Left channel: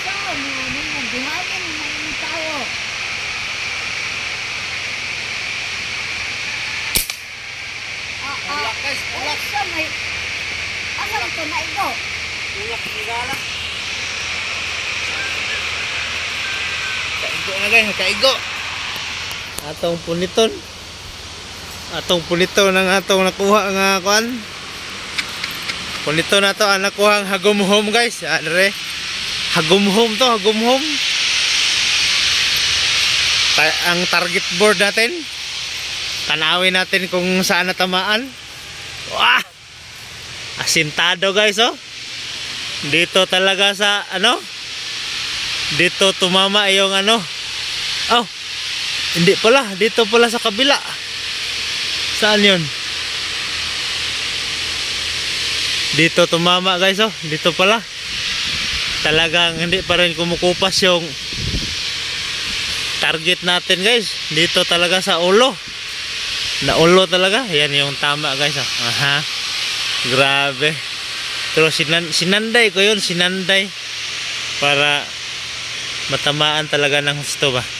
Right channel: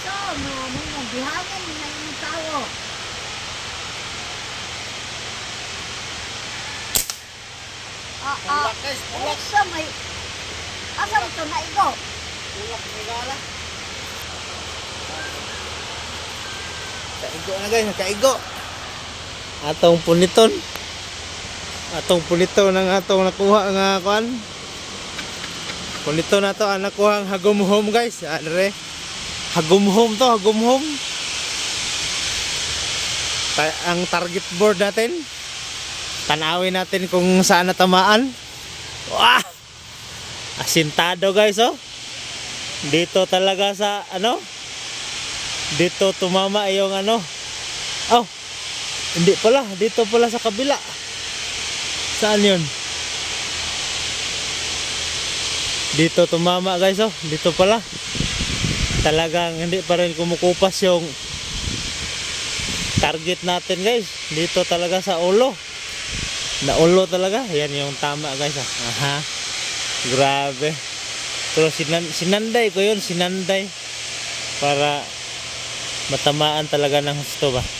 Ito, mo mo bihanin mga tao. Ah, ah. Ulak, guys. Ulak. Asa may Asa ito na ito? Ulak ni Gara. Kaigo na guys, kaigo. Atong puniton. Atong puniton ng atong nakuha nga kuan. Punito na to ang nakuha ang hagumhom guys. Adre. Hagumhom to, hagumhom. Ta- ang target board natin. Tanawin natin kung saan natamaan. Wow! Asintado guys oh. Dito talaga sa ano? Dito tumama yung ano? Oh. Hindi pala, dito pala sa kabila. Saan 'yon? Dito tumama guys oh. Dito pala. Talagang hindi pa rin kumukupas yung target natin guys. Dito talaga sa ulo. Na ulo talaga. Yan yung tama guys oh. Aha. Grabe. Pero sinan sinanday ko yun, sinanday. Para matamaan talaga ng husto ba.